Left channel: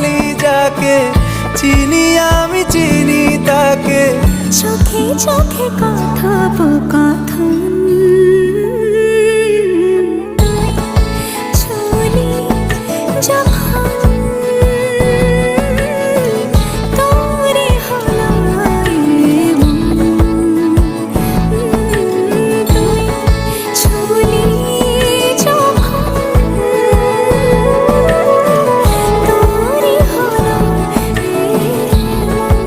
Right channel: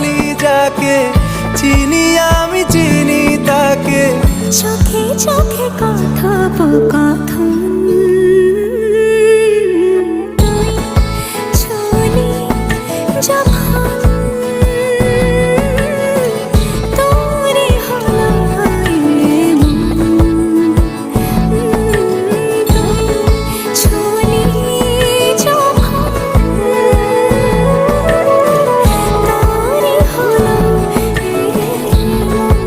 বলি যাকে, চিনি আমি চিনি তাকে। চোখে চোখে কথোপকথন, তুই ছুলি যখন তোরে হলো এমন, তুই ছুলি যখন তোরে হলো এমন।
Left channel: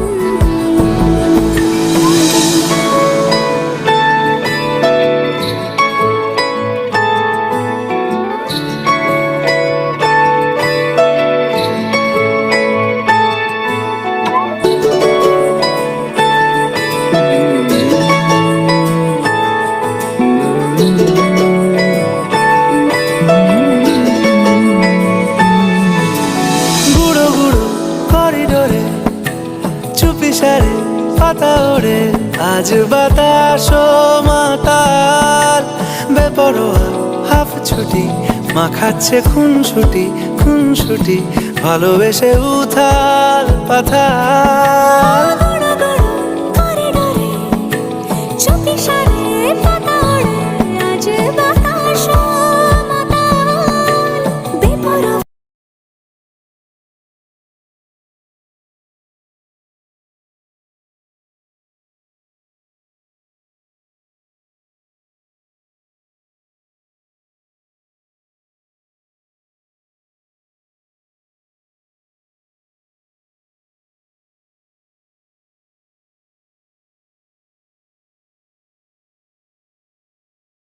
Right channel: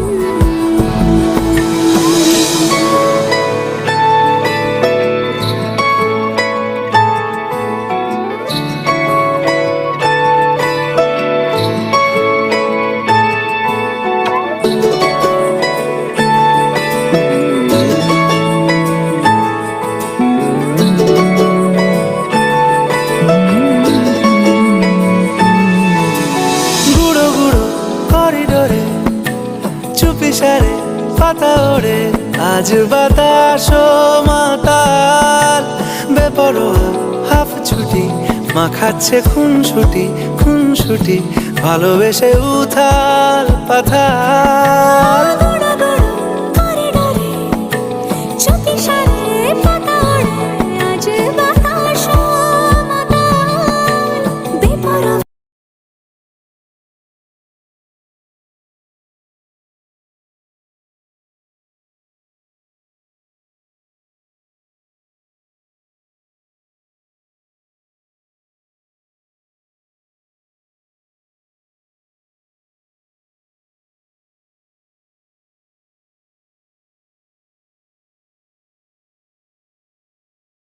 গুঁড়ো গুঁড়ো করিডোরে চুপি সারে পাতা ওড়ে, আজ বাতাস মাতাল বেপরোয়া হাফ ছুটি, মাখাচ্ছে খুনসুটি খুনসুটি, ভালোবেসে উথাল পাথাল। গুঁড়ো গুঁড়ো করিডোরে চুপি সারে পাতা